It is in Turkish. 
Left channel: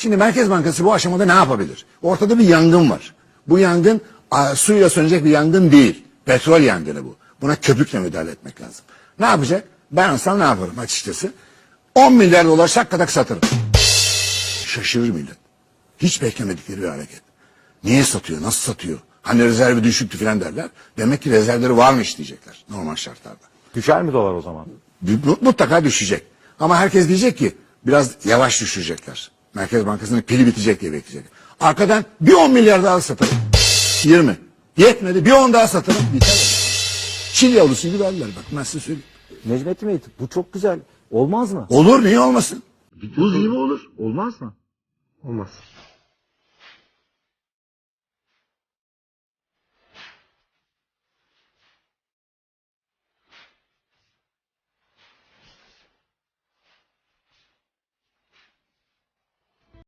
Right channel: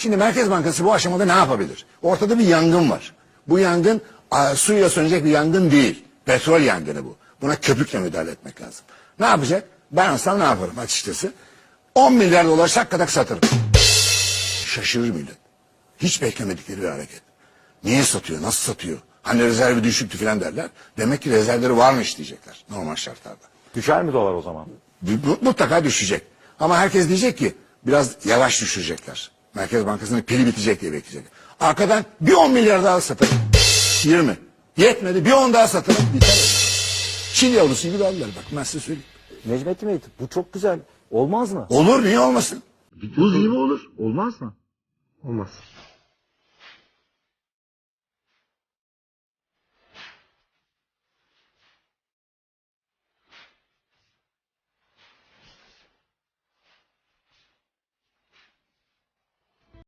Şimdi Merkez Bankası bu aşamada ne yapabilir? Ortada bir yangın var. Bu yangın suyla sönecek bir yangın değil. Petrol yangını bu. Buna köpükle müdahale etmek lazım. Ne yapacak? Ben olsam ne yaparım açıkçası? 10 milyar dolar şakkadak satırım. Şaşırır millet. Hiç beklemedikleri bir hareket. Niye satıyor? Nasıl satıyor? Hani rezervi düşüktü falan derler. Demek ki rezervleri varmış diyecekler normal şartlarda. Düşer mi dolar o zaman? Mutlaka düşecek. Ama herkes diyecek ki biraz yavaş düşürecekler. Merkez Bankası'nın pili bitecek diye bekleyecek. Arkadan bir 10 milyar daha satalım. 20. Yetmedi bir 10 daha satalım. Biter. Çin yavrusu gibi aldılar bak ben size söyleyeyim. Necmettin Bey bu çok güzel. Olmaz mı? Olur niye olmasın? Buz gibi olur. Olmaz mı? Olmaz.